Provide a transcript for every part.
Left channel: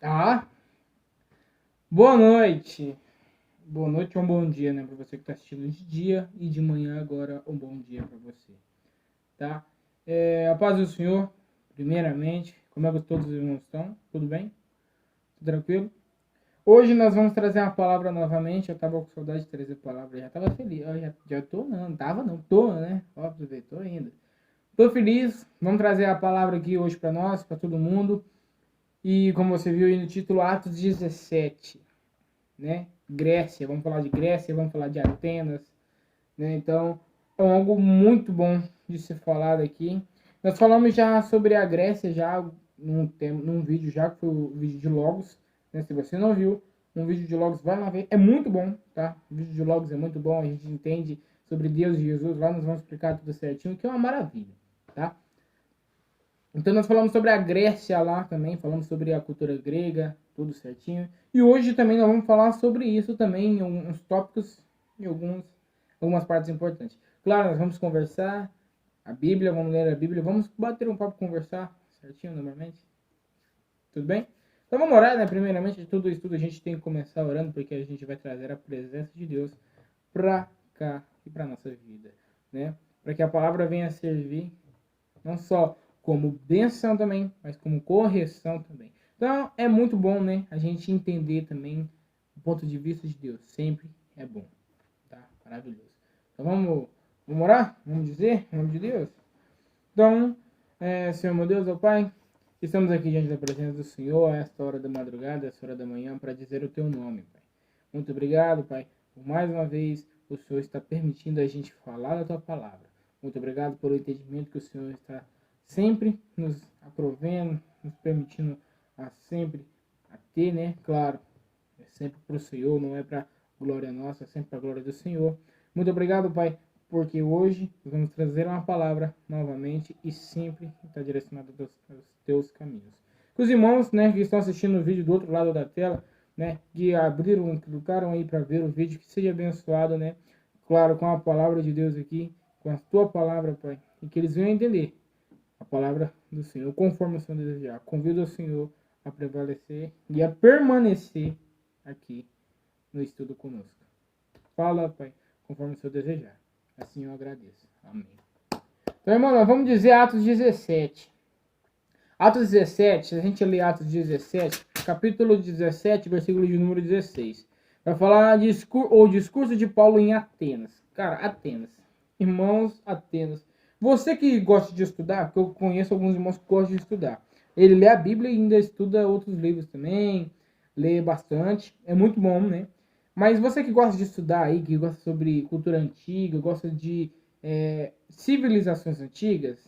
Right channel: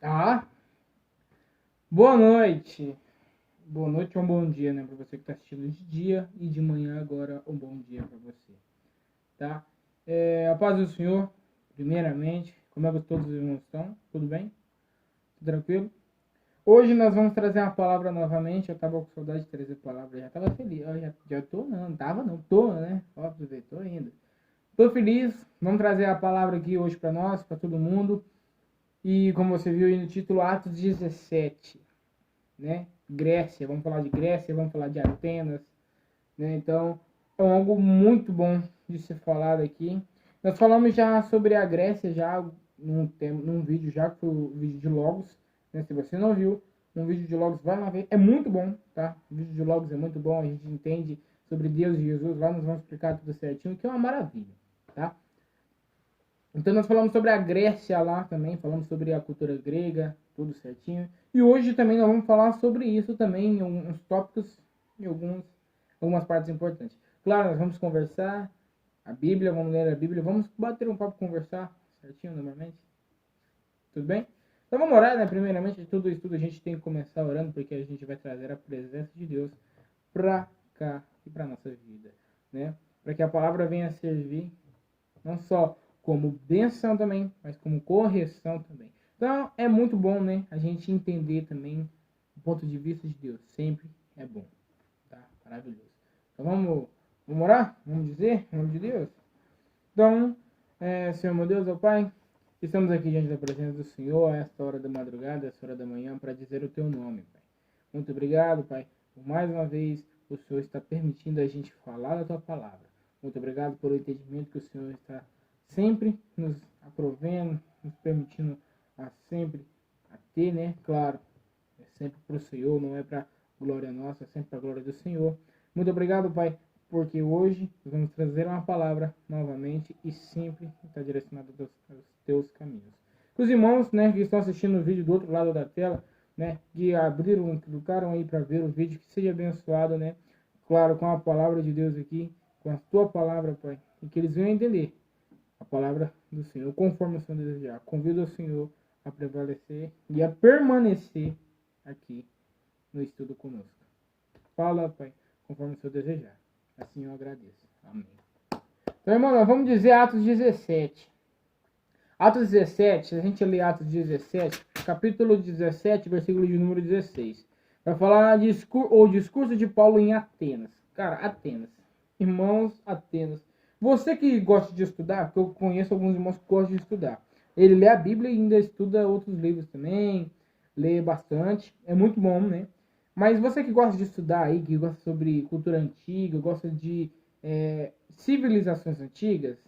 Tá? Boa noite. Boa noite ou um bom dia, né? Para você que está assistindo de dia e de manhã agora um bom dia para você, tá? A paz do Senhor, primeiramente. Como é que todos os irmãos estão? Tudo bem? Tudo tranquilo? Hoje nós vamos trazer uma palavra novamente. Eu estava com saudade de trazer palavra. Eu já estava feliz. Eu já tô, não. Tava não. Tô, né? Ó, aproveitou ainda. Tô feliz. Vamos trazer a palavra aqui hoje para nós, para todo mundo. E como você viu aí no título, Atos 17. Né? Grécia, vamos falar de Grécia, vamos falar de Atenas, né? Então, é algo muito bom de ser falado aqui. Nós falamos já sobre a Grécia já num vídeo já, que foi o vídeo de Logos, né? Se você não viu, um vídeo de Logos, vai lá ver, é muito bom, tá? O vídeo de Logos é muito bom, a gente entende sobre Deus e Jesus, lá nós vamos explicar tudo certinho, que é uma maravilha, tá? Então nós falamos sobre a Grécia lá também, falamos sobre a cultura grega, tudo certinho. E hoje também nós vamos falar sobre isso também, em alguns tópicos e algumas partes importantes. Claro, nós vamos conversar a Bíblia, vamos ler a Bíblia, vamos bater um papo, conversar certinho normalmente. Tudo bem? Então vamos orar, né? Primeiramente de tudo isso, a gente tem que começar orando, porque a gente vai trazer a presença de Deus para cá e para nossa vida, né? Para que a palavra venha a servir não só como benção também, mas como correção também. Então é muito bom, né? A gente entender também o ponto de vista de Deus. Sempre é bom, tá? Maravilhoso. Então vamos orar? Vamos dizer em nome de Deus? Então, Senhor meu Deus, ó Pai, estamos aqui diante da presença do Senhor a esta hora da madrugada, a esta hora da manhã, para dizer o Teu nome, Pai. Muito obrigado, Pai, por mais uma vez o Senhor está permitindo a gente falar da Tua palavra. Muito obrigado pelo entendimento que o Senhor está sempre nos aprovendo, nos permitindo a sempre a ter, né? Claro, é sempre para o Senhor, não é para glória nossa, é sempre para a glória do Senhor. Muito obrigado, Pai, porque hoje vamos trazer uma palavra novamente e sempre está direcionada aos teus caminhos. Os irmãos, né, que estão assistindo o vídeo do outro lado da tela, né, que abriram, que clicaram aí para ver o vídeo, que seja abençoado, né, claro, com a palavra de Deus aqui, com a tua palavra, Pai, e que eles venham entender a palavra do Senhor, conforme o Senhor desejar. Convido o Senhor a prevalecer e a permanecer aqui no estudo conosco. Fala, Pai, conforme o Senhor desejar. Assim eu agradeço. Amém. Então, irmão, nós vamos dizer Atos 17. Atos 17, se a gente ler Atos 17, capítulo 17, versículo de número 16. Vai falar o discurso de Paulo em Atenas. Cara, Atenas. Irmãos, Atenas. Você que gosta de estudar, porque eu conheço alguns irmãos que gostam de estudar. Ele lê a Bíblia e ainda estuda outros livros também. Lê bastante. É muito bom, né? Mas você que gosta de estudar aí, que gosta sobre cultura antiga, gosta de civilizações antigas,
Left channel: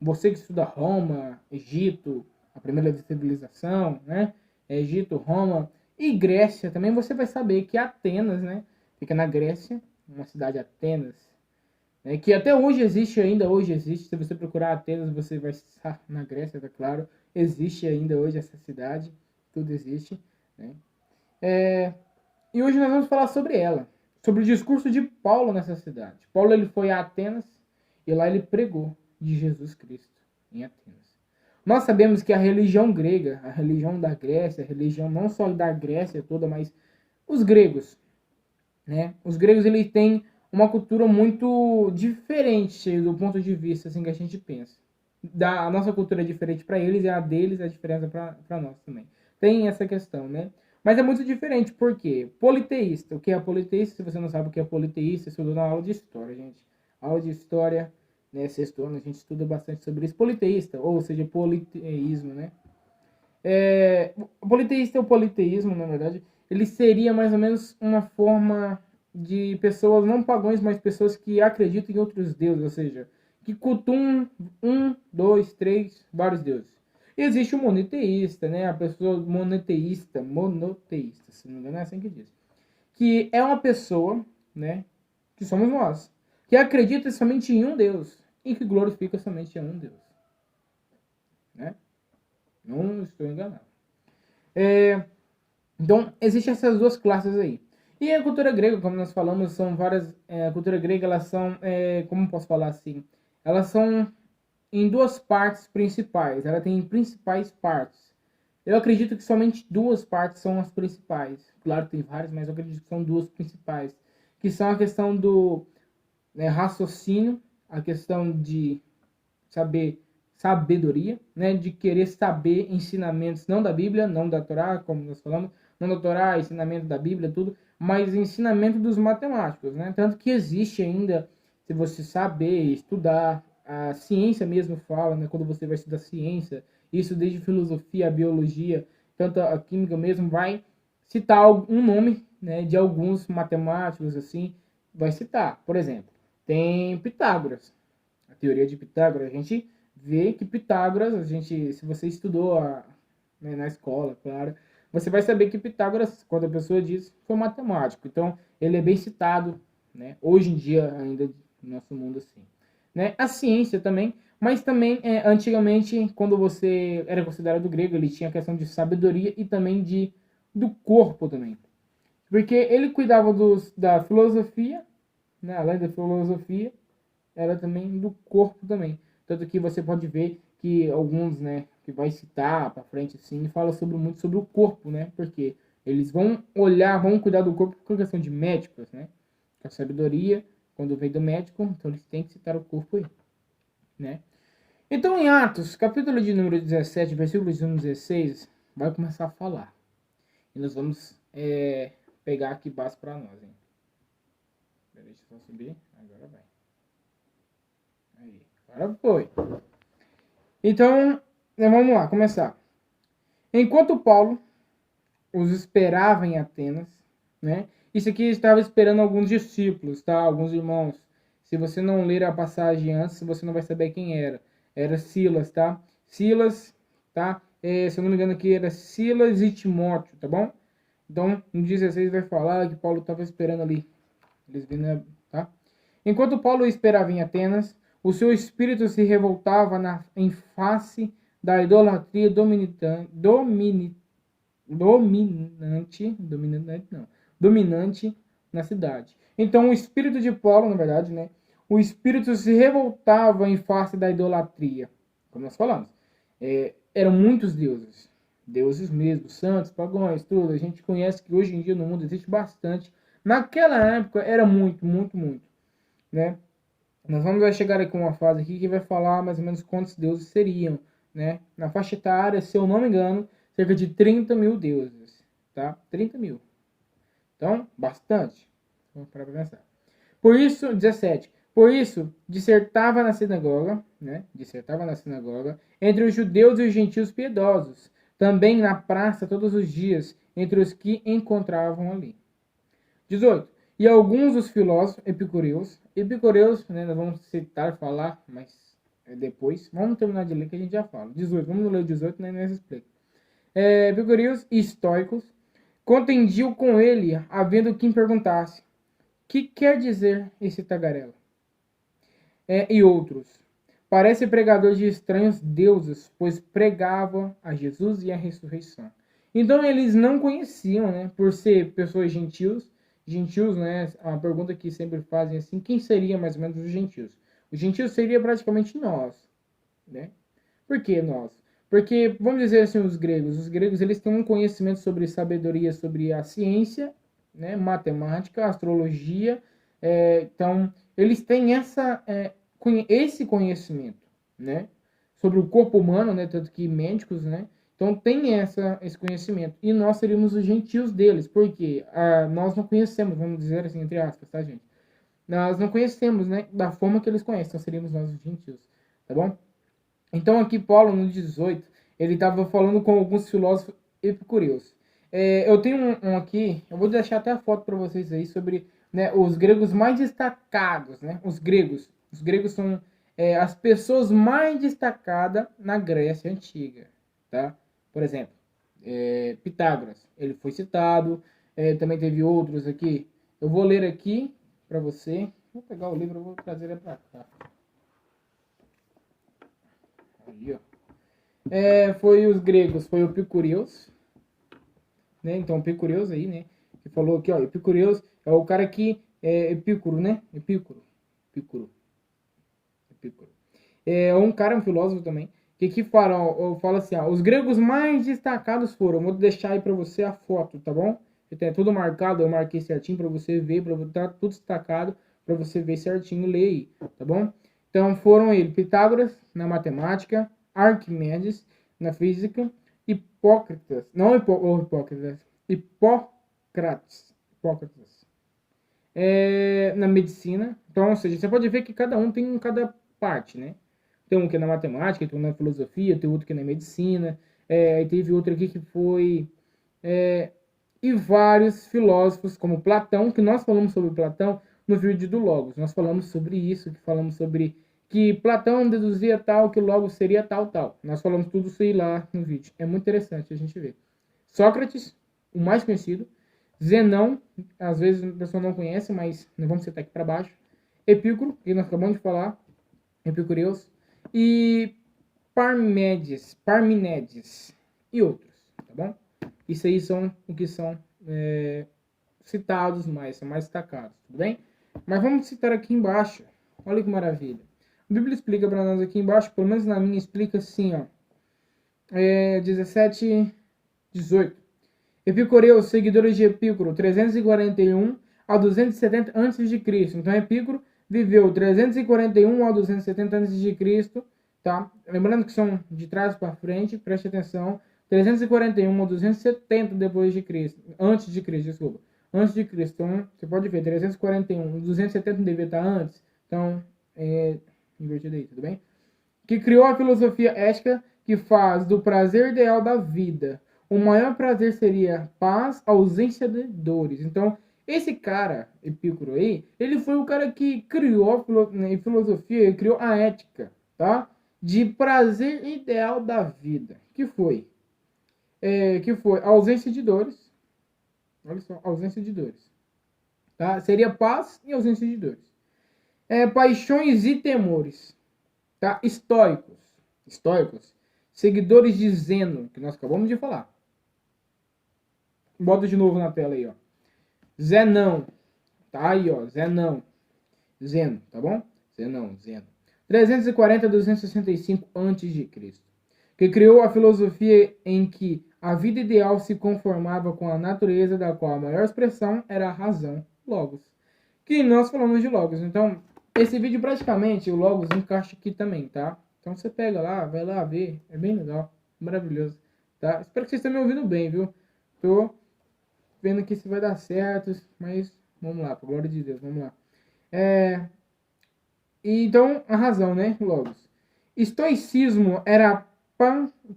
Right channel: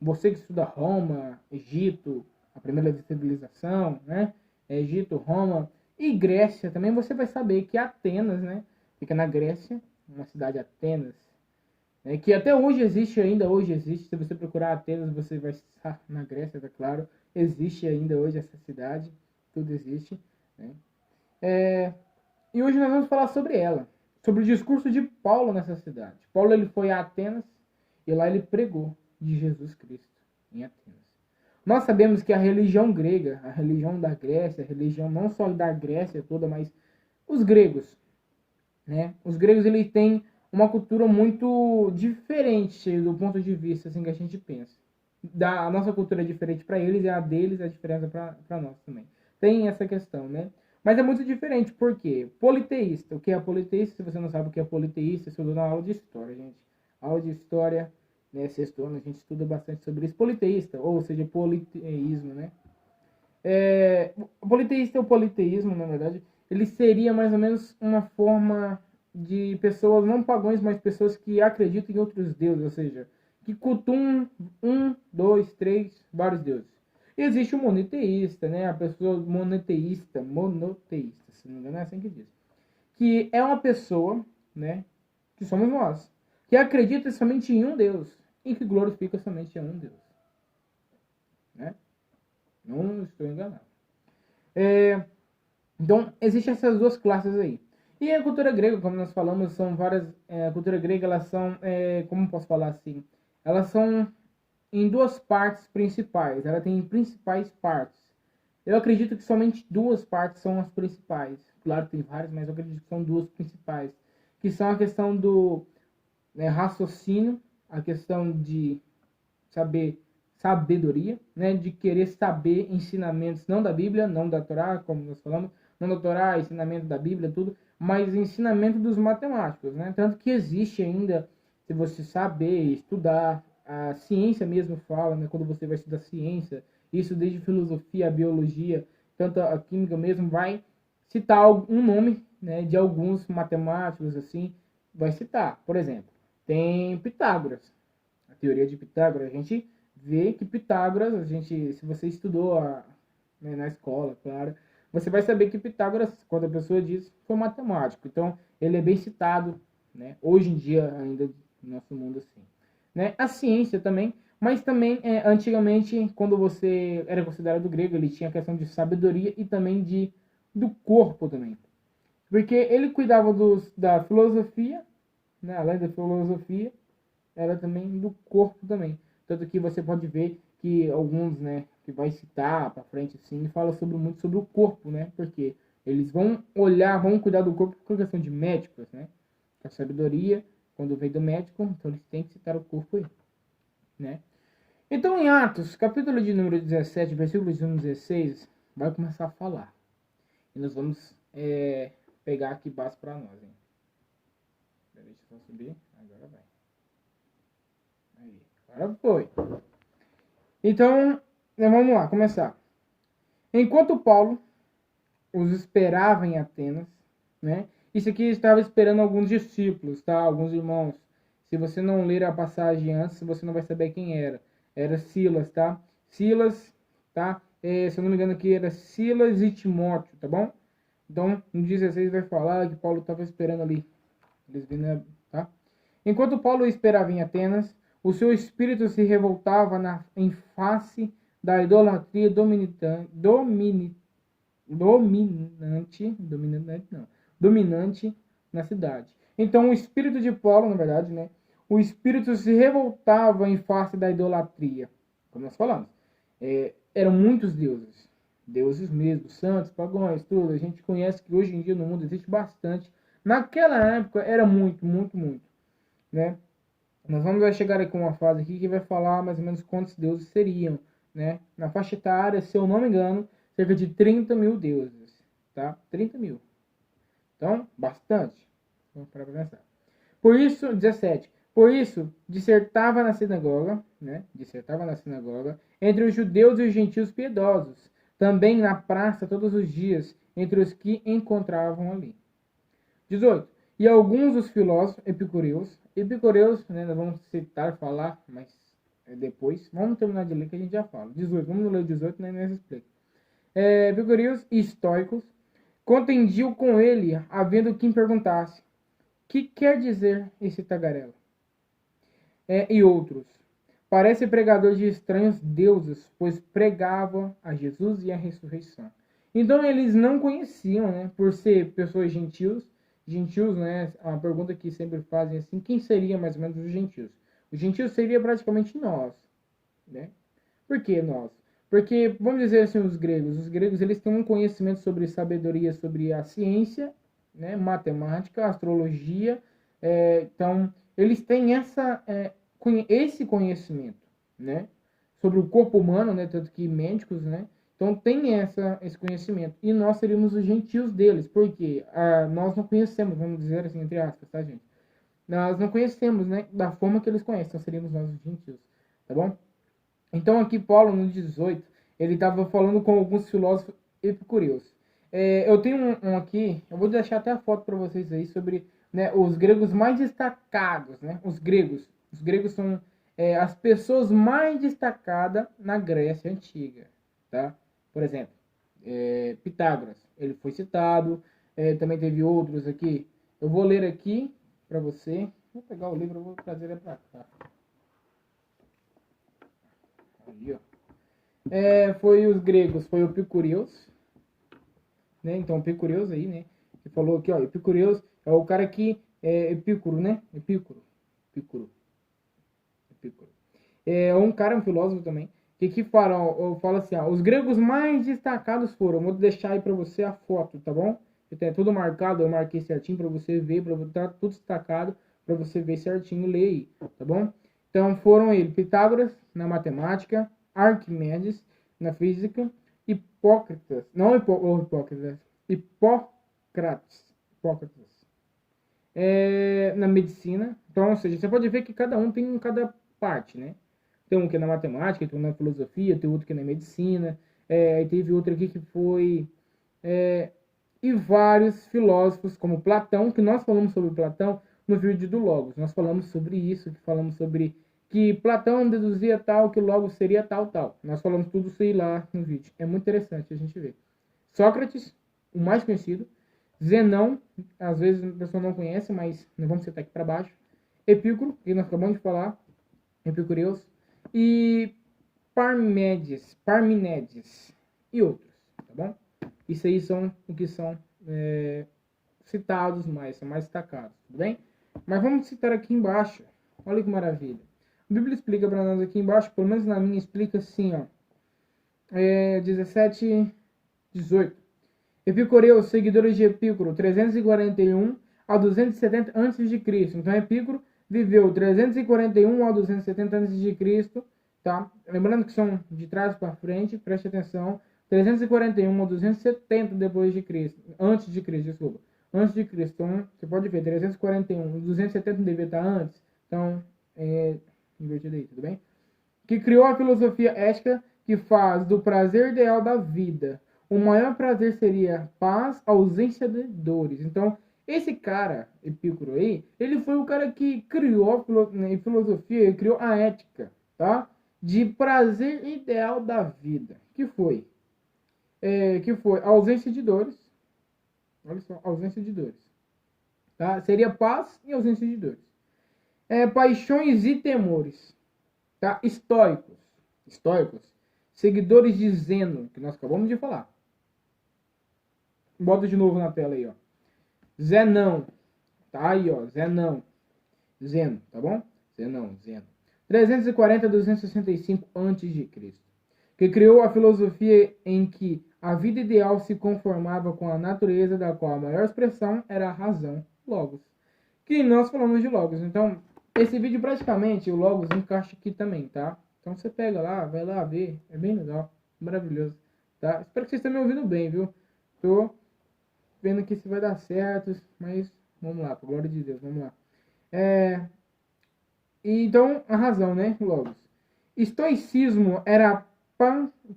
você que estuda Roma, Egito, a primeira civilização, né? Egito, Roma e Grécia também, você vai saber que Atenas, né? Fica na Grécia, uma cidade Atenas, né? Que até hoje existe, ainda hoje existe. Se você procurar Atenas, você vai estar na Grécia, tá claro. Existe ainda hoje essa cidade, tudo existe, né? E hoje nós vamos falar sobre ela, sobre o discurso de Paulo nessa cidade. Paulo ele foi a Atenas e lá ele pregou de Jesus Cristo em Atenas. Nós sabemos que a religião grega, a religião da Grécia, a religião não só da Grécia toda, mas os gregos, né? Os gregos eles têm uma cultura muito diferente do ponto de vista assim que a gente pensa. A nossa cultura é diferente para eles e a deles é a diferença para nós também. Tem essa questão, né? Mas é muito diferente, por quê? Politeísta. O que é politeísta? Se você não sabe o que é politeísta, estudou na aula de história, gente. Aula de história, né, sexto ano, a gente estuda bastante sobre isso. Politeísta, ou seja, politeísmo, né? O politeísta é o politeísmo, na verdade, ele seria mais ou menos uma forma de pessoas não pagãs, mas pessoas que acreditam em outros deuses, ou seja, que cultuam dois, três, vários deuses. E existe o monoteísta, né? A pessoa monoteísta, se não me engano é assim que diz, que é uma pessoa, né? Que somos nós, que acredita somente em um Deus e que glorifica somente a um Deus, né? Não estou enganado. Então, existem essas duas classes aí. E a cultura grega, como nós falamos, são várias. A cultura grega, elas são. Como posso falar assim? Elas são em duas partes principais. Ela tem principais partes. Eu acredito que somente duas partes são as principais. Claro que tem várias, mas eu acredito que são duas principais. Que são a questão do raciocínio, a questão de sabedoria, né? De querer saber ensinamentos, não da Bíblia, não da Torá, como nós falamos, não da Torá, ensinamento da Bíblia, tudo, mas ensinamento dos matemáticos, né? Tanto que existe ainda, se você saber estudar, a ciência mesmo fala, né? Quando você vai estudar ciência, isso desde filosofia, a biologia, tanto a química mesmo, vai citar um nome, né? De alguns matemáticos, assim, vai citar. Por exemplo, tem Pitágoras, a teoria de Pitágoras. A gente vê que Pitágoras, se você estudou na escola, claro, você vai saber que Pitágoras, quando a pessoa diz, foi matemático. Então, ele é bem citado, né? Hoje em dia, ainda no nosso mundo, assim. Né? A ciência também, mas também, antigamente, quando você era considerado grego, ele tinha a questão de sabedoria e também do corpo também. Porque ele cuidava da filosofia, né? Além da filosofia, era também do corpo também. Tanto que você pode ver que alguns, né, que vai citar para frente assim, fala muito sobre o corpo, né? Porque eles vão olhar, vão cuidar do corpo por questão de médicos, né? A sabedoria, quando vem do médico, então eles têm que citar o corpo aí, né? Então em Atos, capítulo de número 17, versículos 1 a 16, vai começar a falar. E nós vamos pegar aqui base para nós, hein? Deixa eu só subir, agora vai. Aí, agora foi. Então, vamos lá, começar. Enquanto Paulo os esperava em Atenas, né? Isso aqui estava esperando alguns discípulos, tá? Alguns irmãos. Se você não ler a passagem antes, você não vai saber quem era. Era Silas, tá? Silas, tá? Se eu não me engano aqui, era Silas e Timóteo, tá bom? Então, no 16 vai falar que Paulo estava esperando ali. Eles vindo, tá? Enquanto Paulo esperava em Atenas, o seu espírito se revoltava em face da idolatria dominante na cidade. Então o espírito de Paulo, na verdade, né? O espírito se revoltava em face da idolatria. Como nós falamos. Eram muitos deuses. Deuses mesmo, santos, pagãos, tudo. A gente conhece que hoje em dia no mundo existe bastante. Naquela época era muito, muito, muito. Né? Nós vamos chegar aqui com uma fase aqui que vai falar mais ou menos quantos deuses seriam. Né? Na faixa etária, se eu não me engano, cerca de 30 mil deuses. Tá? 30 mil. Então, bastante. Vamos parar para pensar. Por isso, 17. Por isso, dissertava na sinagoga, né? Dissertava na sinagoga, entre os judeus e os gentios piedosos, também na praça todos os dias, entre os que encontravam ali. 18. E alguns dos filósofos epicureus, né, nós vamos citar, falar, mas depois. Vamos terminar de ler que a gente já fala. 18. Vamos ler o 18, né, nós explica. Epicureus e estoicos contendiam com ele, havendo quem perguntasse: que quer dizer esse tagarela? E outros: parece pregador de estranhos deuses, pois pregava a Jesus e a ressurreição. Então eles não conheciam, né, por ser pessoas gentios, né, a pergunta que sempre fazem assim, quem seria mais ou menos os gentios? Os gentios seria praticamente nós, né? Por que nós? Porque, vamos dizer assim, os gregos eles têm um conhecimento sobre sabedoria, sobre a ciência, né, matemática, astrologia, então eles têm esse conhecimento, né, sobre o corpo humano, né, tanto que médicos, né, então tem esse conhecimento, e nós seríamos os gentios deles, porque nós não conhecemos, vamos dizer assim, entre aspas, tá, gente? Nós não conhecemos, né, da forma que eles conhecem, então seríamos nós os gentios, tá bom? Então aqui Paulo, no 18, ele estava falando com alguns filósofos epicureus. Eu tenho um aqui, eu vou deixar até a foto para vocês aí, sobre, né, os gregos mais destacados. Né? Os gregos são as pessoas mais destacadas na Grécia Antiga. Tá? Por exemplo, Pitágoras, ele foi citado, também teve outros aqui. Eu vou ler aqui para você. Vou pegar o livro e vou trazer ele para cá. Aí, ó. Foi os gregos, foi o Epicureus, né? Então, Epicureus aí, né? Que falou aqui, ó, Epicureus é o cara que Epicuro, né? Epicuro. É um cara, um filósofo também, que fala? Eu falo assim, os gregos mais destacados foram, vou deixar aí para você a foto, tá bom? Tem tudo marcado, eu marquei certinho para você ver, para estar tudo destacado, para você ver certinho, ler aí, tá bom? Então foram ele, Pitágoras na matemática, Arquimedes na física, Hipócrates, não Hipócrates, Hipócrates na medicina. Então, ou seja, você pode ver que cada um tem em cada parte, né? Tem um que é na matemática, tem um na filosofia, tem outro que é na medicina, e teve outro aqui que foi... e vários filósofos, como Platão, que nós falamos sobre Platão no vídeo do Logos. Nós falamos sobre isso, que falamos sobre que Platão deduzia tal, que o Logos seria tal, tal. Nós falamos tudo isso aí lá no vídeo. É muito interessante a gente ver. Sócrates, o mais conhecido. Zenão, às vezes a pessoa não conhece, mas não vamos citar aqui para baixo. Epicuro, que nós acabamos de falar. Epicureus. E Parménides e outros, tá bom? Isso aí são o que são citados mais, são mais destacados, tudo bem? Mas vamos citar aqui embaixo. Olha que maravilha. A Bíblia explica para nós aqui embaixo, pelo menos na minha explica assim, ó. 17, 18. Epicureus, seguidores de Epicuro, 341 a 270 a.C. Então Epicuro viveu 341 a 270 a.C., tá? Lembrando que são de trás para frente, preste atenção. 341 a 270 depois de Cristo, antes de Cristo, desculpa. Antes de Cristo, então você pode ver, 341, 270 devia estar antes, então invertido aí, tudo bem? Que criou a filosofia ética que faz do prazer ideal da vida. O maior prazer seria paz, ausência de dores. Então, esse cara, Epicuro aí, ele foi o cara que criou a filosofia, criou a ética, tá? De prazer ideal da vida. Que foi a ausência de dores. Olha só, ausência de dores. Tá? Seria paz e ausência de dores. Paixões e temores. Tá? Estoicos. Seguidores de Zeno, que nós acabamos de falar. Bota de novo na tela aí, ó. Zenão. Tá aí, ó. Zeno, tá bom? Zeno. 340 a 265 a.C. Que criou a filosofia em que a vida ideal se conformava com a natureza, da qual a maior expressão era a razão, Logos. Que nós falamos de Logos. Então, esse vídeo praticamente, o Logos encaixa aqui também, tá? Então você pega lá, vai lá ver. É bem legal, maravilhoso, tá? Espero que vocês estejam me ouvindo bem, viu? Tô vendo que isso vai dar certo, mas vamos lá, por glória de Deus, vamos lá. Então, a razão, né, Logos. Estoicismo era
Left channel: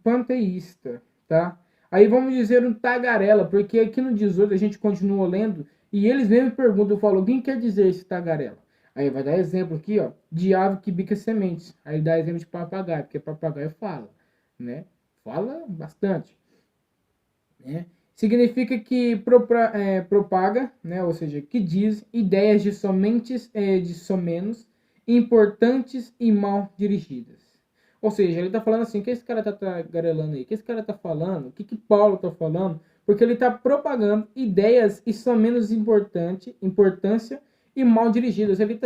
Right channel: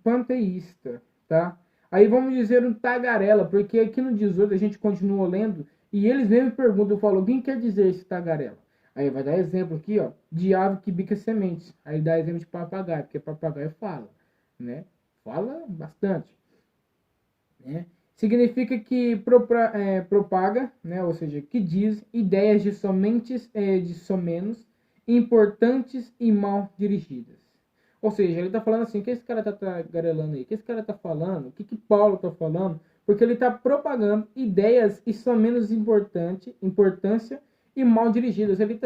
panteísta, tá? Aí vamos dizer um tagarela, porque aqui no 18 a gente continua lendo e eles mesmo perguntam, eu falo, quem quer dizer esse tagarela? Aí vai dar exemplo aqui, ó, de ave que bica sementes. Aí dá exemplo de papagaio, porque papagaio fala, né? Fala bastante, né? Significa que propaga, né? Ou seja, que diz ideias de somenos importantes e mal dirigidas. Ou seja, ele está falando assim, o que esse cara está tagarelando aí? O que esse cara está falando? O que Paulo está falando? Porque ele está propagando ideias e são menos importância e mal dirigidas. Ele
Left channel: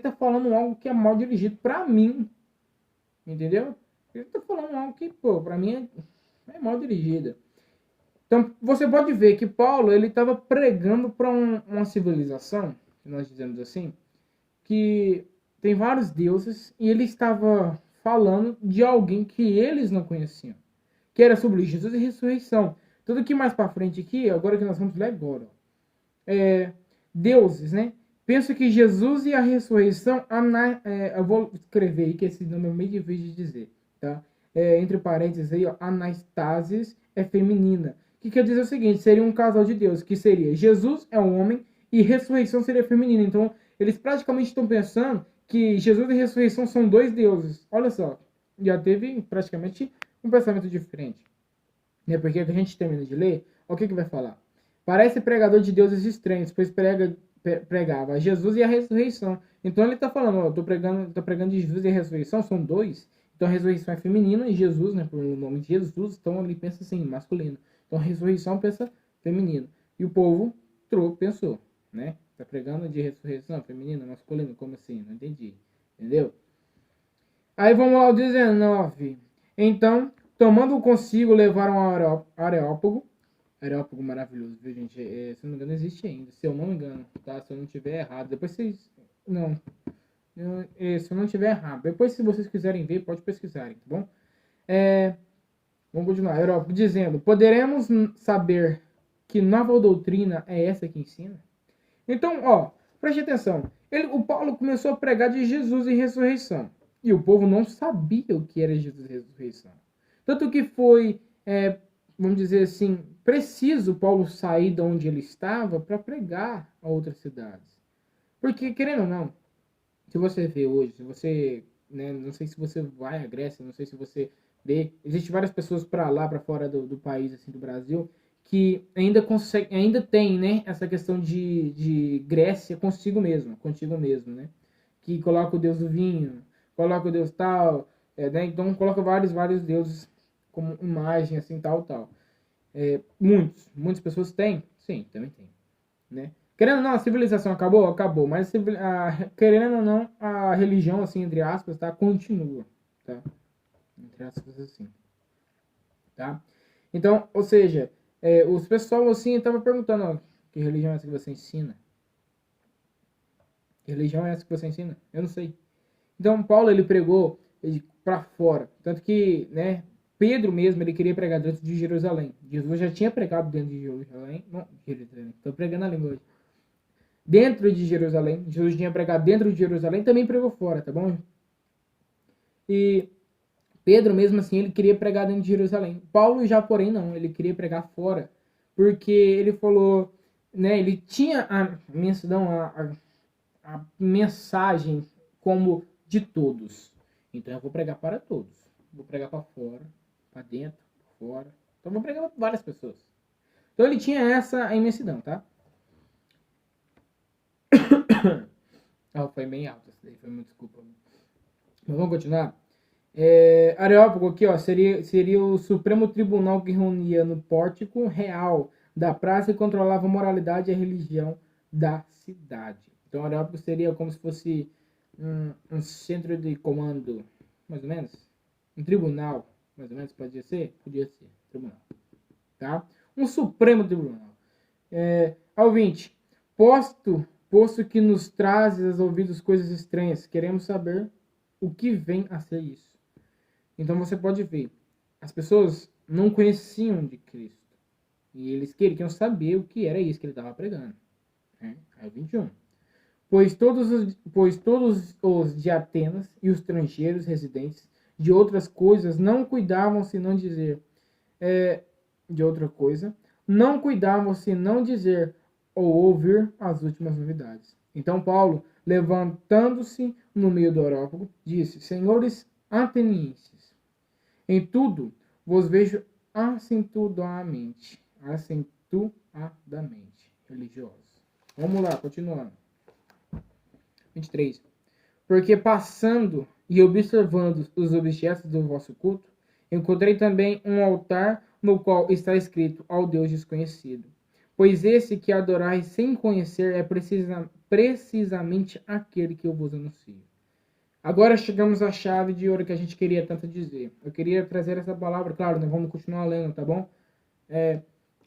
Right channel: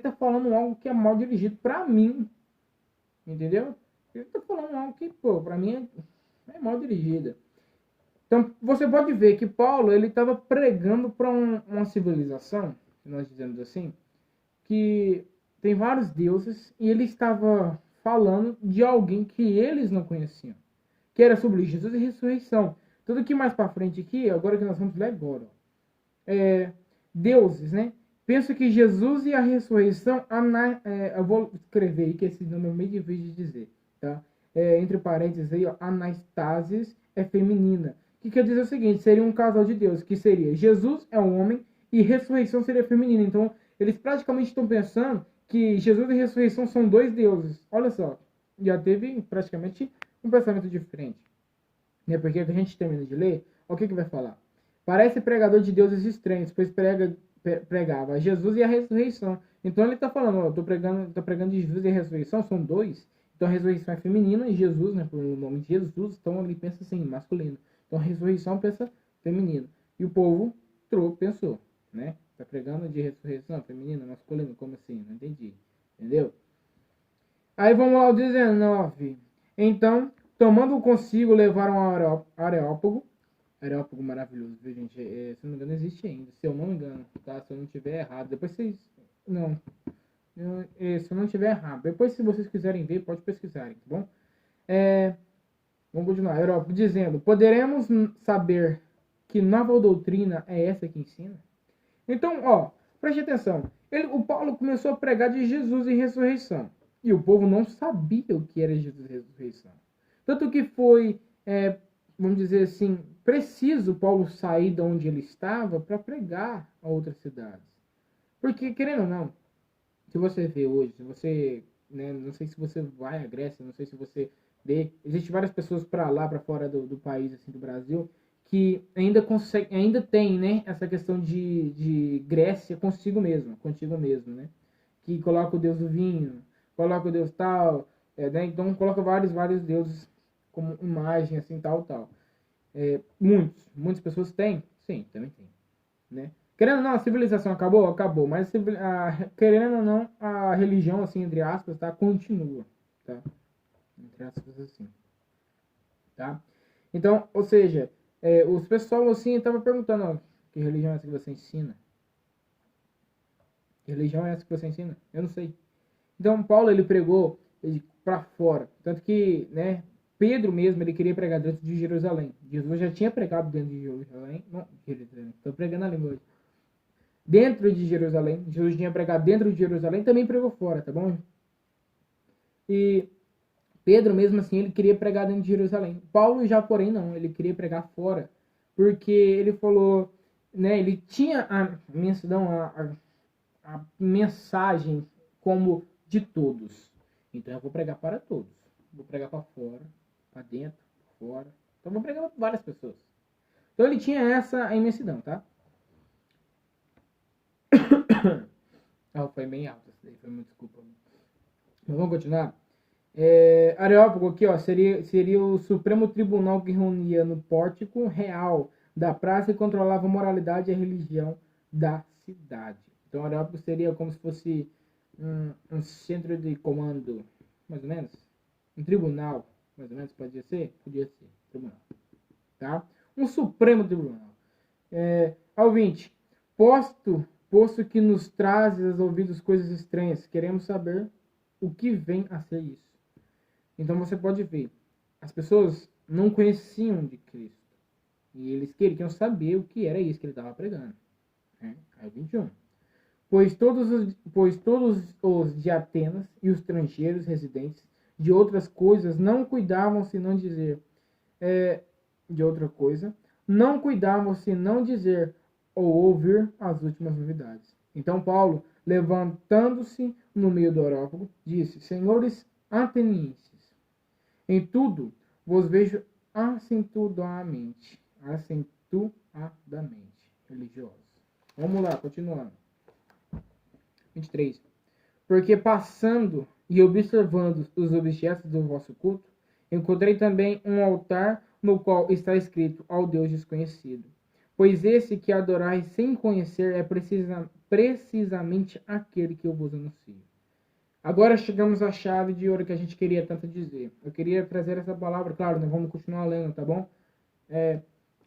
tá falando algo que é mal dirigido para mim. Entendeu? Ele está falando algo que, pô, para mim é mal dirigida. Então, você pode ver que Paulo ele estava pregando para uma civilização, que nós dizemos assim, que tem vários deuses e ele estava falando de alguém que eles não conheciam, que era sobre Jesus e ressurreição. Tudo que mais para frente aqui, agora que nós vamos ler agora, deuses, né? Penso que Jesus e a ressurreição, eu vou escrever aí, que esse nome é meio difícil de dizer, tá? Entre parênteses aí, ó, anastasis é feminina. Que quer dizer o seguinte, seria um casal de deuses, que seria Jesus é um homem e ressurreição seria feminina. Então, eles praticamente estão pensando que Jesus e ressurreição são dois deuses. Olha só, já teve praticamente um pensamento diferente. Né? Porque a gente termina de ler, o que vai falar? Parece pregador de deuses estranhos, pois pregava Jesus e a ressurreição. Então ele está falando, ó, tô pregando de Jesus e a ressurreição, são dois. Então a ressurreição é feminina e Jesus, né, por o nome de Jesus, então ele pensa assim, masculino. Então a ressurreição pensa feminino. E o povo pensou, né? Tá pregando de ressurreição feminina, masculino, como assim? Não entendi. Entendeu? Aí vamos lá, o 19. Então, tomando consigo, levaram a Areópago. Areópago maravilhoso, viu, gente? Se não me engano, existe ainda. Se eu não me engano, tá? Se eu não tiver errado. Depois vocês... Não. Se eu não tiver errado. Depois, se vocês quiserem ver, pode pesquisarem, tá bom? Vamos continuar. Areópago dizendo: poderemos saber que nova doutrina é essa que ensina? Então, preste atenção. O Paulo começou a pregar de Jesus e ressurreição. E o povo não sabia o que era Jesus e ressurreição. Tanto que foi, vamos dizer assim, preciso Paulo sair de onde ele estava para pregar a outras cidades. Porque, querendo ou não, se você vê hoje, se você, né, não sei se você vai à Grécia, não sei se você vê, existem várias pessoas para lá, para fora do país, assim, do Brasil, que ainda tem, né, essa questão de Grécia contigo mesmo, né? Que coloca o deus do vinho, coloca o deus tal, né? Então coloca vários deuses como imagem, assim, tal. Muitas pessoas têm, sim, também tem, né? Querendo ou não, a civilização acabou? Acabou, mas querendo ou não, a religião, assim, entre aspas, tá, continua, tá? Entre aspas, assim, tá? Então, ou seja, os pessoal, assim, tava perguntando, que religião é essa que você ensina? Que religião é essa que você ensina? Eu não sei. Então, Paulo, ele pregou para fora. Tanto que, né, Pedro mesmo, ele queria pregar dentro de Jerusalém. Jesus já tinha pregado dentro de Jerusalém. Não, estou pregando a língua hoje. Dentro de Jerusalém. Jesus tinha pregado dentro de Jerusalém, também pregou fora, tá bom? E Pedro, mesmo assim, ele queria pregar dentro de Jerusalém. Paulo já, porém, não. Ele queria pregar fora. Porque ele falou, né, ele tinha a mensagem como de todos. Então eu vou pregar para todos. Vou pregar para fora, para dentro, fora. Então eu vou pregar para várias pessoas. Então ele tinha essa imensidão, tá? Foi bem alto essa daí, foi muito desculpa. Mas vamos continuar. Areópago aqui, seria o Supremo Tribunal que reunia no pórtico real da praça e controlava a moralidade e a religião da cidade. Então Areópago seria como se fosse um centro de comando, mais ou menos. Um tribunal, mais ou menos, podia ser? Podia ser, tribunal. Tá? Um Supremo Tribunal. Ao 20. Posto que nos trazes aos ouvidos coisas estranhas, queremos saber o que vem a ser isso. Então você pode ver, as pessoas não conheciam de Cristo. E eles queriam saber o que era isso que ele estava pregando. Né? Aí 21. Pois todos os de Atenas e os estrangeiros residentes de outras coisas não cuidavam senão dizer de outra coisa, não cuidavam senão dizer ou ouvir as últimas novidades. Então Paulo, levantando-se no meio do Areópago, disse: Senhores atenienses, em tudo vos vejo acentuadamente religiosos. Vamos lá, continuando. 23. Porque passando e observando os objetos do vosso culto, encontrei também um altar no qual está escrito ao Deus desconhecido. Pois esse que adorais sem conhecer é precisamente aquele que eu vos anuncio. Agora chegamos à chave de ouro que a gente queria tanto dizer. Eu queria trazer essa palavra, claro, nós vamos continuar lendo, tá bom?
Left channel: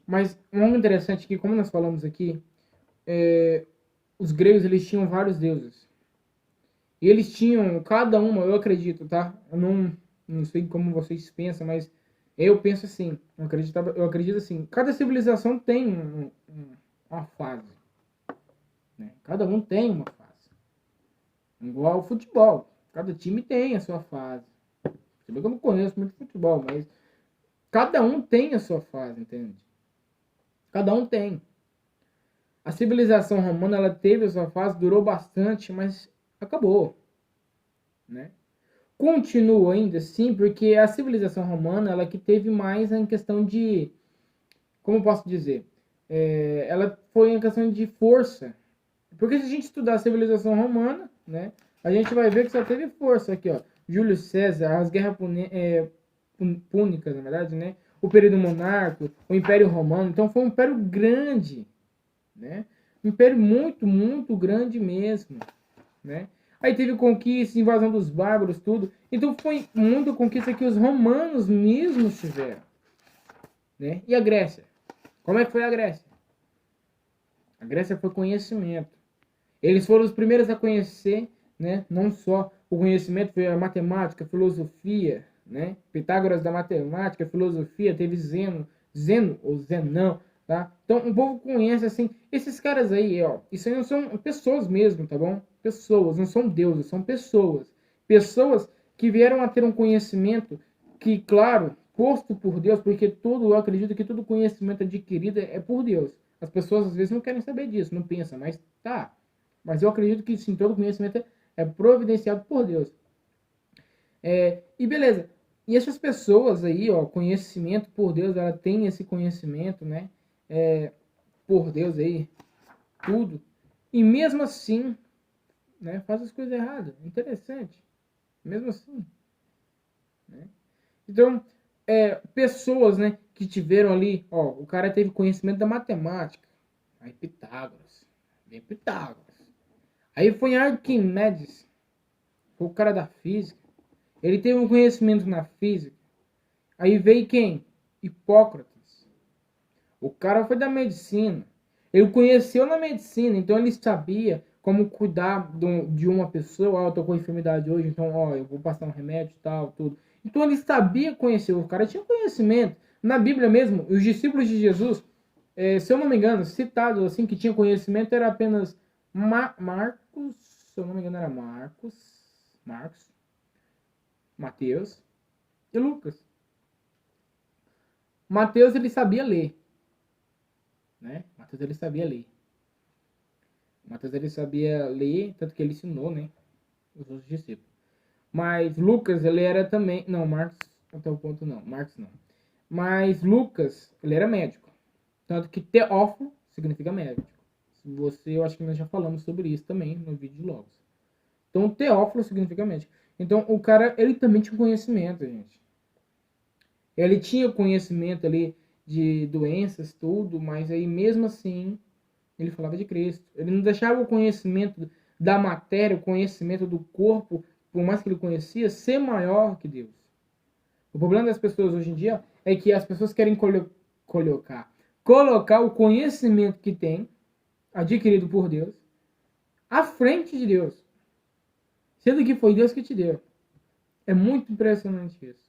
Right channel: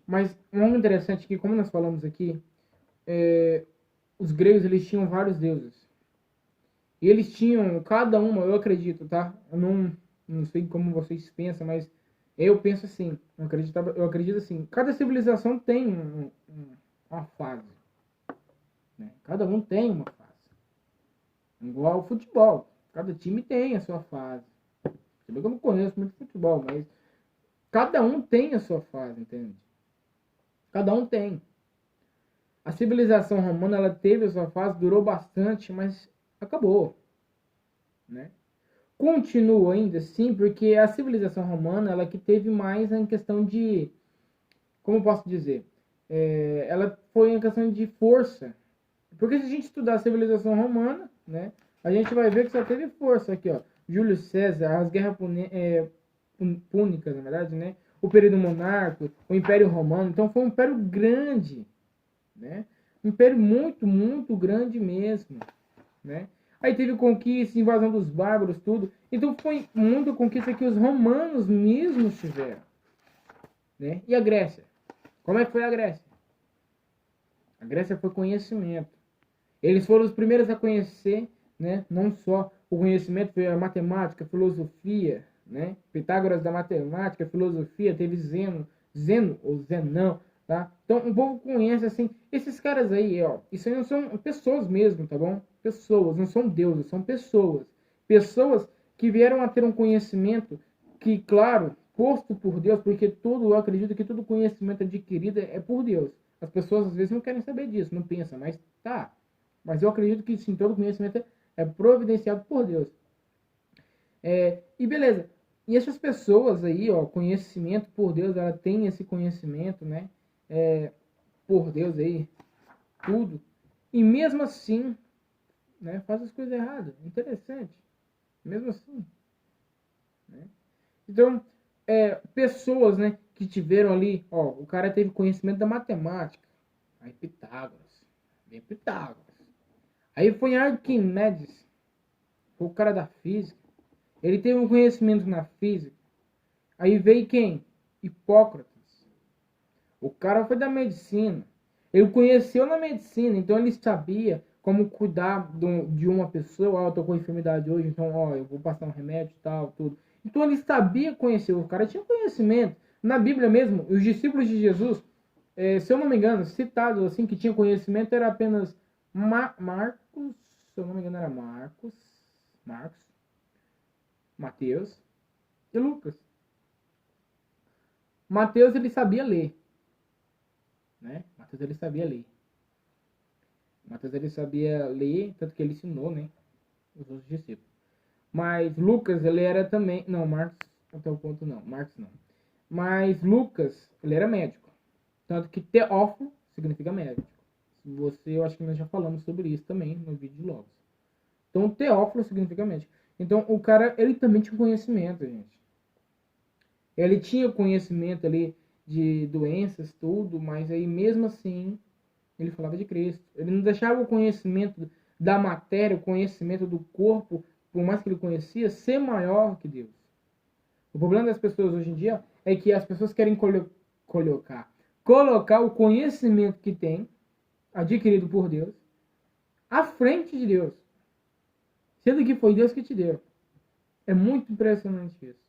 Mas algo interessante que, como nós falamos aqui, os gregos eles tinham vários deuses. E eles tinham, cada uma, eu acredito, tá? Eu não sei como vocês pensam, mas eu penso assim, eu acredito assim, cada civilização tem uma fase. Né? Cada um tem uma fase. Igual ao futebol. Cada time tem a sua fase. Eu não conheço muito futebol, mas cada um tem a sua fase, entende? Cada um tem. A civilização romana, ela teve a sua fase, durou bastante, mas acabou. Né? Continua ainda assim, porque a civilização romana, ela que teve mais em questão de, como posso dizer, ela foi em questão de força. Porque se a gente estudar a civilização romana, né, a gente vai ver que só teve força aqui, ó. Júlio César, as guerras púnicas, na verdade, né? O período monárquico, o Império Romano. Então foi um império grande, né? Um império muito, muito grande mesmo, né? Aí teve conquista, invasão dos bárbaros, tudo. Então foi muita conquista que os romanos mesmos tiveram. Né? E a Grécia? Como é que foi a Grécia? A Grécia foi conhecimento. Eles foram os primeiros a conhecer, né? Não só o conhecimento, foi a matemática, a filosofia, né? Pitágoras da matemática, filosofia, teve Zeno ou Zenão, tá? Então o povo conhece assim, esses caras aí, ó, isso aí não são pessoas mesmo, tá bom? Pessoas, não são deuses, são pessoas. Pessoas que vieram a ter um conhecimento que, claro, posto por Deus, porque eu acredito que todo conhecimento adquirido é por Deus. As pessoas às vezes não querem saber disso, não pensam, mas tá. Mas eu acredito que sim, todo conhecimento é providenciado por Deus. E beleza. E essas pessoas aí, ó, conhecimento por Deus, ela tem esse conhecimento, né? Por Deus aí, tudo. E mesmo assim, né, faz as coisas erradas. Interessante. Mesmo assim. Né? Então, pessoas, né, que tiveram ali, ó, o cara teve conhecimento da matemática. Aí Pitágoras. Bem Pitágoras. Aí foi Arquimedes, foi o cara da física. Ele teve um conhecimento na física. Aí veio quem? Hipócrates. O cara foi da medicina. Ele conheceu na medicina, então ele sabia como cuidar de uma pessoa. Eu tô com enfermidade hoje, então ó, eu vou passar um remédio e tal, tudo. Então ele sabia conhecer. O cara tinha conhecimento. Na Bíblia mesmo, os discípulos de Jesus, se eu não me engano, citados assim, que tinha conhecimento, era apenas Marcos, se eu não me engano era Marcos, Mateus e Lucas. Mateus ele sabia ler, né? Mateus ele sabia ler. Mateus ele sabia ler, tanto que ele ensinou, né? Os outros discípulos. Mas Lucas ele era também, não, Marcos até o ponto não, Marcos não. Mas Lucas ele era médico, tanto que Teófilo significa médico. Eu acho que nós já falamos sobre isso também no vídeo de Logos. Então Teófilo significa médico. Então o cara ele também tinha conhecimento, gente. Ele tinha conhecimento ali de doenças, tudo, mas aí mesmo assim ele falava de Cristo. Ele não deixava o conhecimento da matéria, o conhecimento do corpo, por mais que ele conhecia, ser maior que Deus. O problema das pessoas hoje em dia é que as pessoas querem colocar o conhecimento que tem, adquirido por Deus, à frente de Deus. Sendo que foi Deus que te deu. É muito impressionante isso.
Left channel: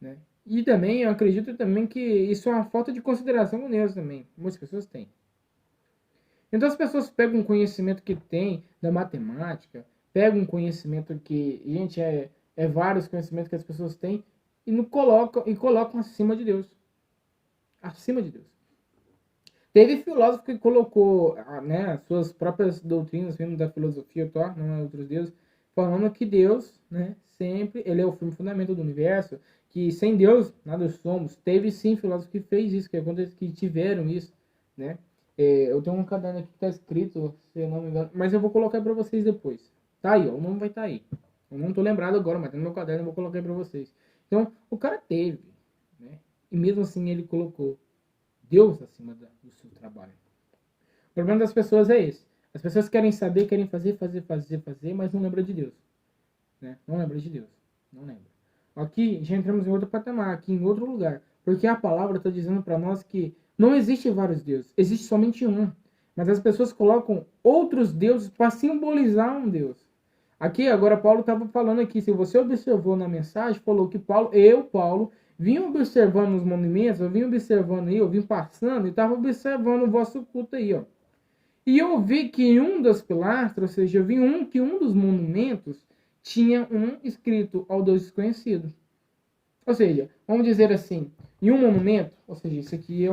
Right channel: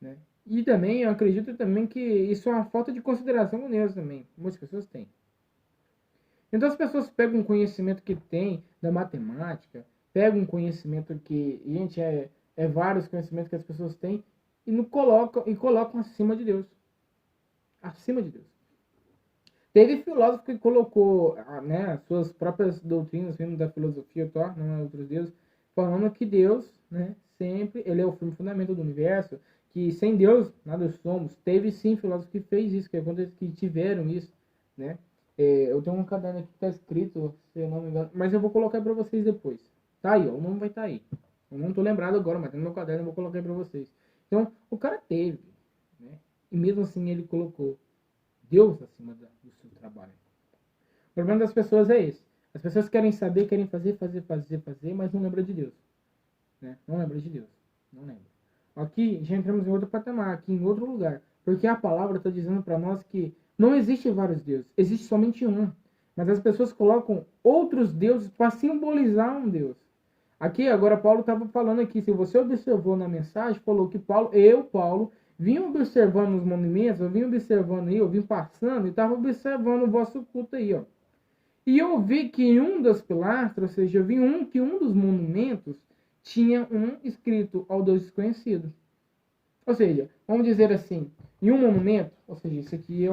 Né? E também, eu acredito também que isso é uma falta de consideração com Deus também. Muitas pessoas têm. Então as pessoas pegam um conhecimento que tem da matemática, pegam um conhecimento que, gente, vários conhecimentos que as pessoas têm e não colocam acima de Deus. Acima de Deus. Teve filósofo que colocou, né, as suas próprias doutrinas vindo da filosofia, não é outros deuses, falando que Deus, né, sempre, ele é o firme fundamento do universo, que sem Deus nada somos. Teve sim filósofo que fez isso, que tiveram isso, né? Eu tenho um caderno aqui que está escrito, se eu não me engano, mas eu vou colocar para vocês depois. Tá aí, ó, o nome vai estar aí. Eu não tô lembrado agora, mas tem no meu caderno, eu vou colocar para vocês. Então, o cara teve, né? E mesmo assim ele colocou Deus acima do seu trabalho. O problema das pessoas é esse. As pessoas querem saber, querem fazer, mas não lembram de Deus. Né? Não lembra de Deus. Não lembra. Aqui já entramos em outro patamar, aqui em outro lugar. Porque a palavra está dizendo para nós que não existe vários deuses, existe somente um. Mas as pessoas colocam outros deuses para simbolizar um Deus. Aqui agora Paulo estava falando aqui, se você observou na mensagem, falou que Paulo, vim observando os monumentos, eu vim observando aí, eu vim passando e estava observando o vosso culto aí, ó. E eu vi que em um das pilastras, ou seja, eu vi que um dos monumentos tinha um escrito ao Deus desconhecido. Ou seja, vamos dizer assim, em um monumento, ou seja, isso aqui é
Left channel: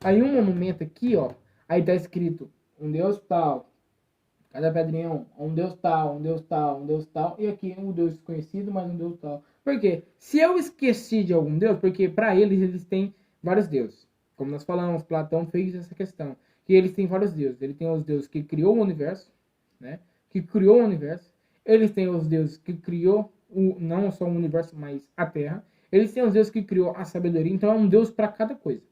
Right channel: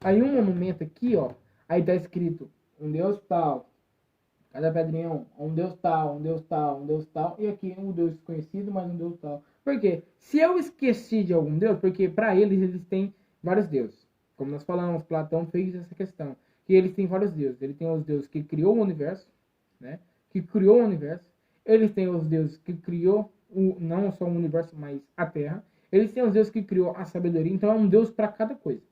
aí um monumento aqui, ó, aí está escrito um Deus tal, cada pedrinha um Deus tal, um Deus tal, um Deus tal, e aqui um Deus desconhecido, mas um Deus tal. Por quê? Se eu esqueci de algum Deus, porque para eles têm vários deuses. Como nós falamos, Platão fez essa questão. Que eles têm vários deuses. Ele tem os deuses que criou o universo, né? Que criou o universo. Eles têm os deuses que criou não só o universo, mas a Terra. Eles têm os deuses que criou a sabedoria. Então é um Deus para cada coisa.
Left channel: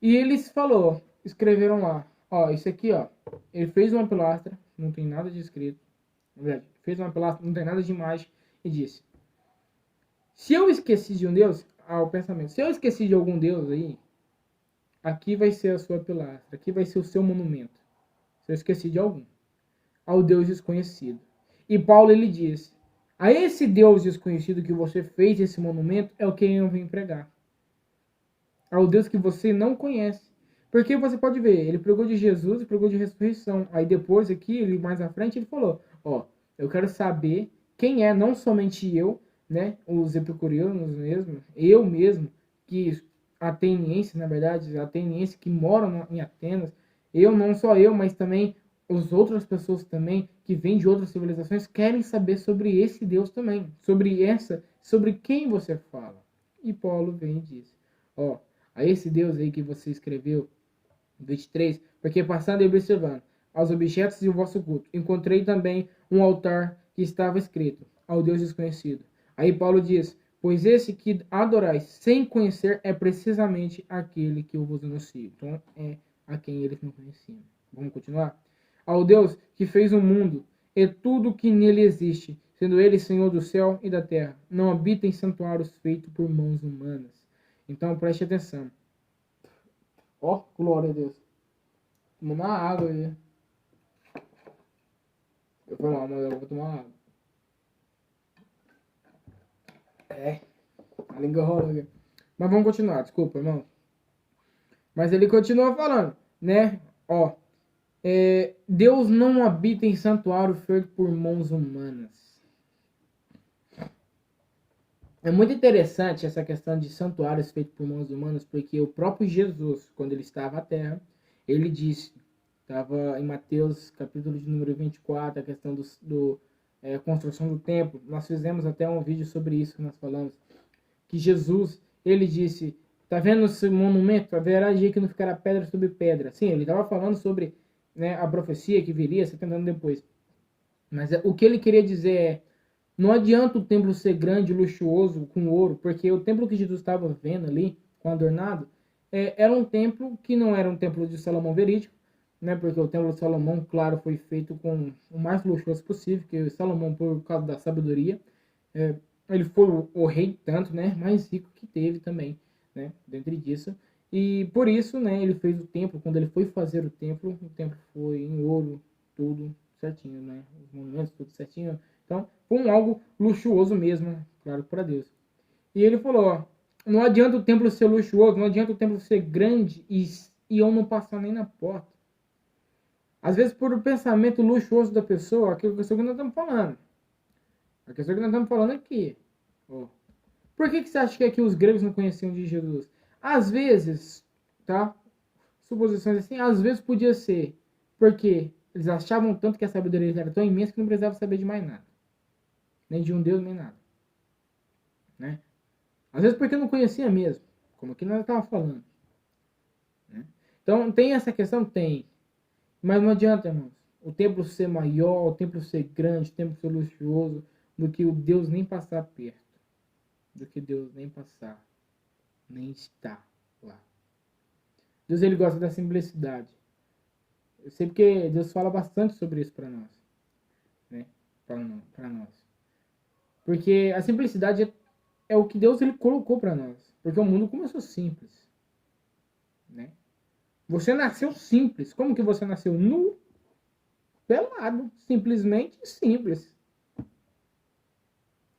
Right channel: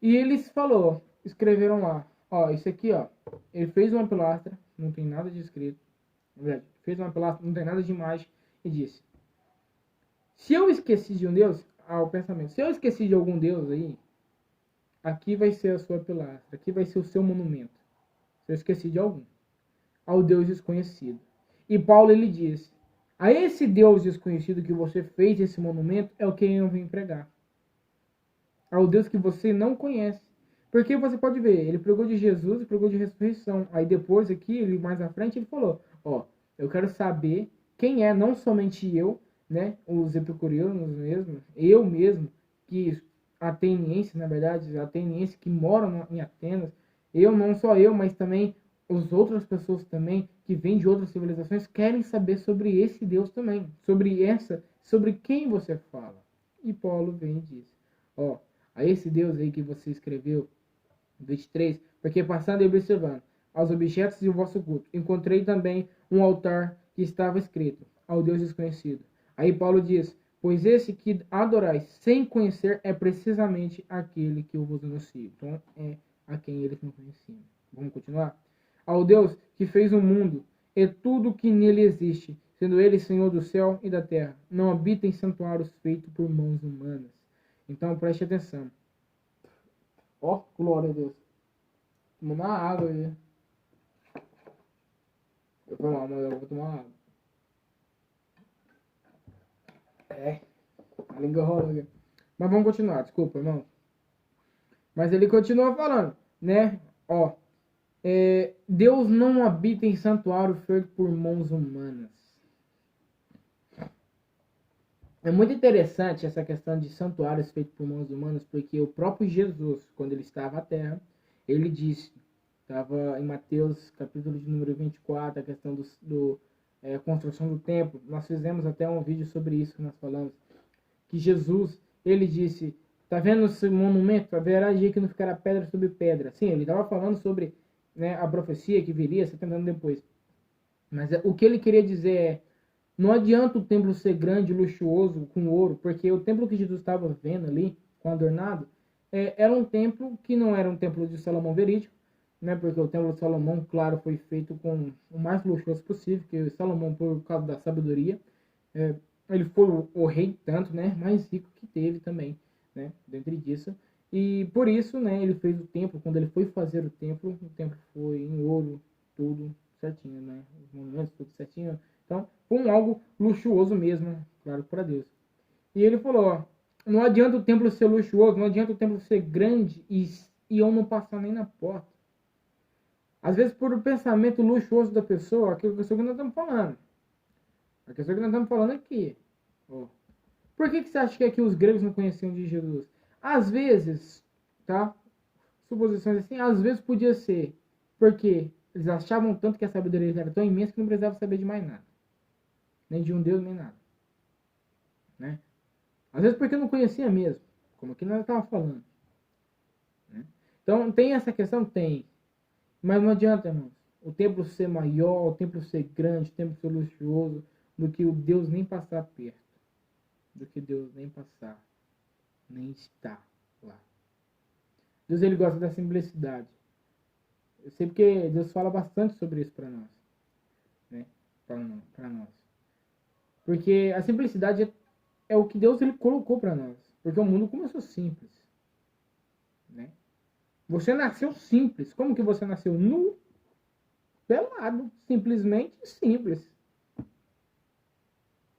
E eles escreveram lá, ó, isso aqui, ó, ele fez uma pilastra, não tem nada de escrito. Na verdade, fez uma pilastra, não tem nada de imagem, e disse: se eu esqueci de um Deus, o pensamento, se eu esqueci de algum Deus aí, aqui vai ser a sua pilastra, aqui vai ser o seu monumento. Se eu esqueci de algum, ao Deus desconhecido. E Paulo ele diz: a esse Deus desconhecido que você fez esse monumento é o que eu vim pregar. Ao Deus que você não conhece. Porque você pode ver, ele pregou de Jesus e pregou de ressurreição. Aí depois aqui, ele mais à frente, ele falou: ó, eu quero saber quem é, não somente eu, né, os epicureanos mesmo, eu mesmo, que ateniense, na verdade, ateniense que moram em Atenas, eu, não só eu, mas também as outras pessoas também que vêm de outras civilizações querem saber sobre esse Deus também, sobre quem você fala. E Paulo vem e diz: ó, a esse Deus aí que você escreveu, 23, porque passando e observando aos objetos de vosso culto, encontrei também um altar que estava escrito ao Deus desconhecido. Aí Paulo diz: pois esse que adorais sem conhecer é precisamente aquele que eu vos anuncio. Então é a quem eles não conheciam. Vamos continuar? Ao Deus que fez o mundo e tudo que nele existe, sendo ele Senhor do céu e da terra, não habita em santuários feitos por mãos humanas. Então preste atenção. Ó, glória a Deus. Vou tomar água aí. Eu vou tomar água. A língua rola aqui. Mas vamos continuar, desculpa, irmão. Mas ele continua falando, né? Ó, Deus não habita em santuário feito por mãos humanas. É muito interessante essa questão de santuários feitos por mãos humanas, porque o próprio Jesus, quando ele estava à terra, ele disse, estava em Mateus, capítulo de número 24, a questão da construção do templo. Nós fizemos até um vídeo sobre isso que nós falamos. Que Jesus, ele disse, tá vendo esse monumento? Haverá dia que não ficará pedra sobre pedra. Sim, ele estava falando sobre, né, a profecia que viria 70 anos depois. Mas o que ele queria dizer é, não adianta o templo ser grande, luxuoso, com ouro, porque o templo que Jesus estava vendo ali, com adornado, era um templo que não era um templo de Salomão verídico, né, porque o templo de Salomão, claro, foi feito com o mais luxuoso possível, que Salomão, por causa da sabedoria, ele foi o rei tanto, né, mais rico que teve também, né, dentro disso. E por isso, né, ele fez o templo. Quando ele foi fazer o templo foi em ouro, tudo certinho, né, os monumentos tudo certinho. Então, foi algo luxuoso mesmo, claro, para Deus. E ele falou, ó, não adianta o templo ser luxuoso, não adianta o templo ser grande e eu não passar nem na porta. Às vezes, por o pensamento luxuoso da pessoa, aquilo que nós estamos falando. A questão que nós estamos falando aqui. Ó. Por que você acha que aqui os gregos não conheciam de Jesus? Às vezes, tá? Suposições assim, às vezes podia ser porque eles achavam tanto que a sabedoria era tão imensa que não precisava saber de mais nada. Nem de um Deus, nem nada. Né? Às vezes porque não conhecia mesmo. Como aqui nós estávamos falando. Né? Então, tem essa questão? Tem. Mas não adianta, irmãos. O templo ser maior, o templo ser grande, o templo ser luxuoso, do que o Deus nem passar perto. Do que Deus nem passar. Nem estar lá. Deus, ele gosta da simplicidade. Eu sei porque Deus fala bastante sobre isso para nós. Né? Para nós. Porque a simplicidade é o que Deus ele colocou para nós. Porque o mundo começou simples. Né? Você nasceu simples. Como que você nasceu? Nu, pelado. Simplesmente simples.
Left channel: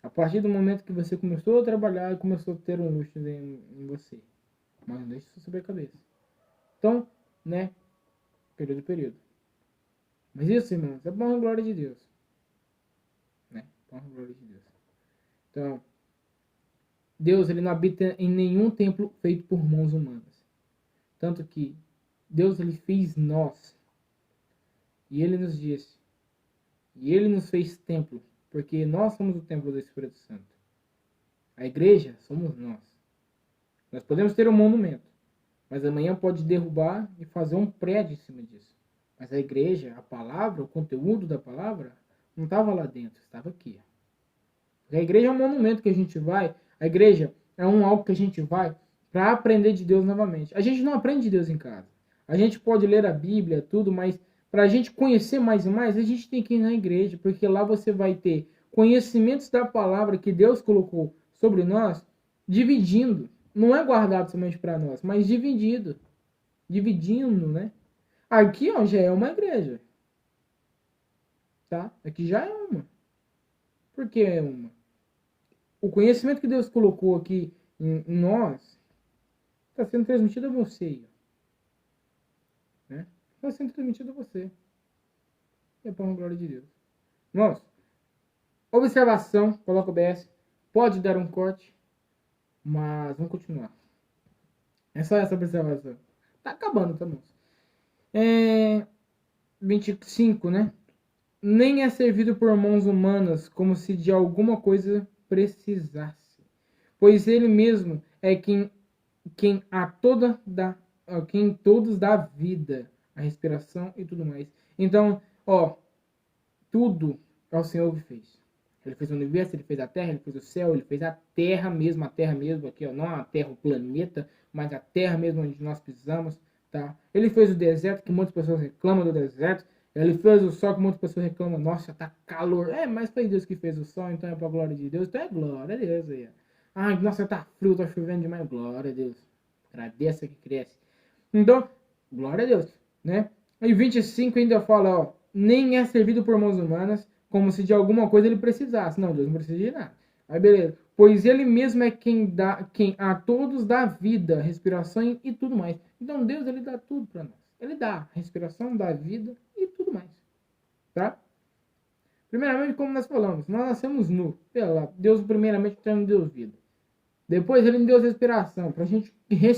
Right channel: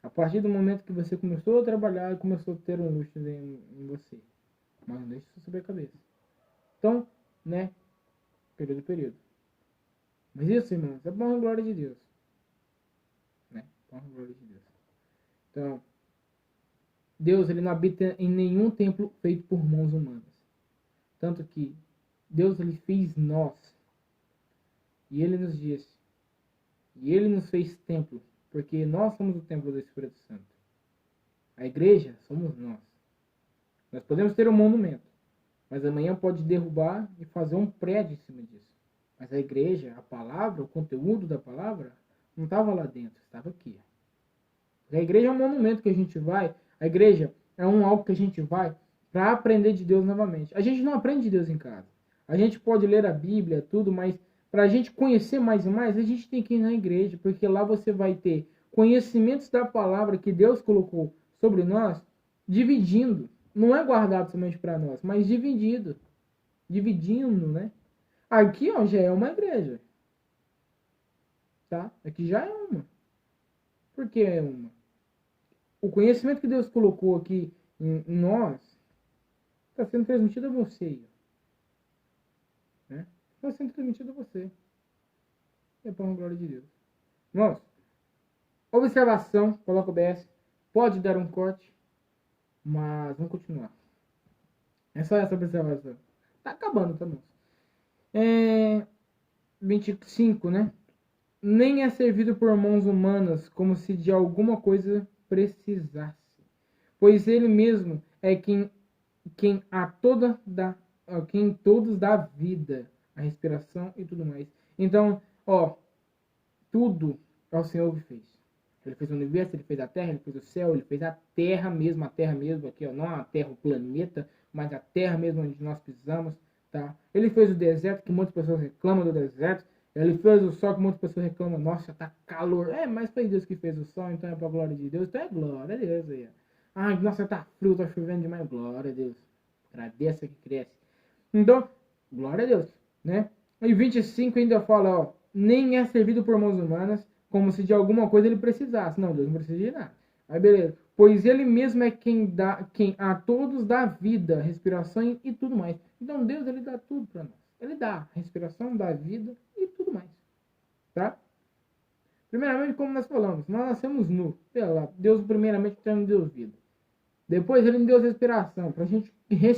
A partir do momento que você começou a trabalhar e começou a ter um luxo em você. Mas não deixe isso sobre a cabeça. Então, né? Período. Mas isso, irmãos, é para a glória de Deus. Né? Para a glória de Deus. Então, Deus ele não habita em nenhum templo feito por mãos humanas. Tanto que Deus ele fez nós. E ele nos disse. E ele nos fez templo. Porque nós somos o templo do Espírito Santo. A igreja somos nós. Nós podemos ter um monumento. Mas amanhã pode derrubar e fazer um prédio em cima disso. Mas a igreja, a palavra, o conteúdo da palavra, não estava lá dentro, estava aqui. A igreja é um monumento que a gente vai. A igreja é algo que a gente vai para aprender de Deus novamente. A gente não aprende de Deus em casa. A gente pode ler a Bíblia, tudo, mas para a gente conhecer mais e mais, a gente tem que ir na igreja, porque lá você vai ter conhecimentos da palavra que Deus colocou sobre nós, dividindo. Não é guardado somente para nós, mas dividido. Dividindo, né? Aqui, ó, já é uma igreja. Tá? Aqui já é uma. Por que é uma? O conhecimento que Deus colocou aqui em nós está sendo transmitido a você. Né? Está sendo transmitido a você. É para a glória de Deus. Irmãos, observação, coloca o BS. Pode dar um corte, mas vamos continuar. É só essa observação. Tá acabando, tá bom? 25, né? Nem é servido por mãos humanas, como se de alguma coisa precisasse. Pois ele mesmo é quem a toda dá, quem todos dá vida, a respiração e tudo mais. Então, ó, tudo é o Senhor que fez. Ele fez o universo, ele fez a terra, ele fez o céu, ele fez a terra mesmo aqui, ó, não a terra, o planeta, mas a terra mesmo onde nós pisamos, tá? Ele fez o deserto, que muitas pessoas reclamam do deserto. Ele fez o sol, que muitas pessoas reclamam, nossa, tá calor. Mas foi Deus que fez o sol, então é pra glória de Deus. Então é glória a Deus aí. Ai, nossa, tá frio, tá chovendo demais. Glória a Deus. Agradeça que cresce. Então, glória a Deus, né? E 25 ainda fala, ó, nem é servido por mãos humanas, como se de alguma coisa ele precisasse. Não, Deus não precisa de nada. Aí beleza. Pois ele mesmo é quem a todos dá vida, respiração e tudo mais. Então Deus, ele dá tudo para nós. Ele dá respiração, dá vida e tudo mais. Tá? Primeiramente, como nós falamos, nós nascemos nu. Deus primeiramente nos deu vida. Depois ele nos deu respiração, para a gente respirar.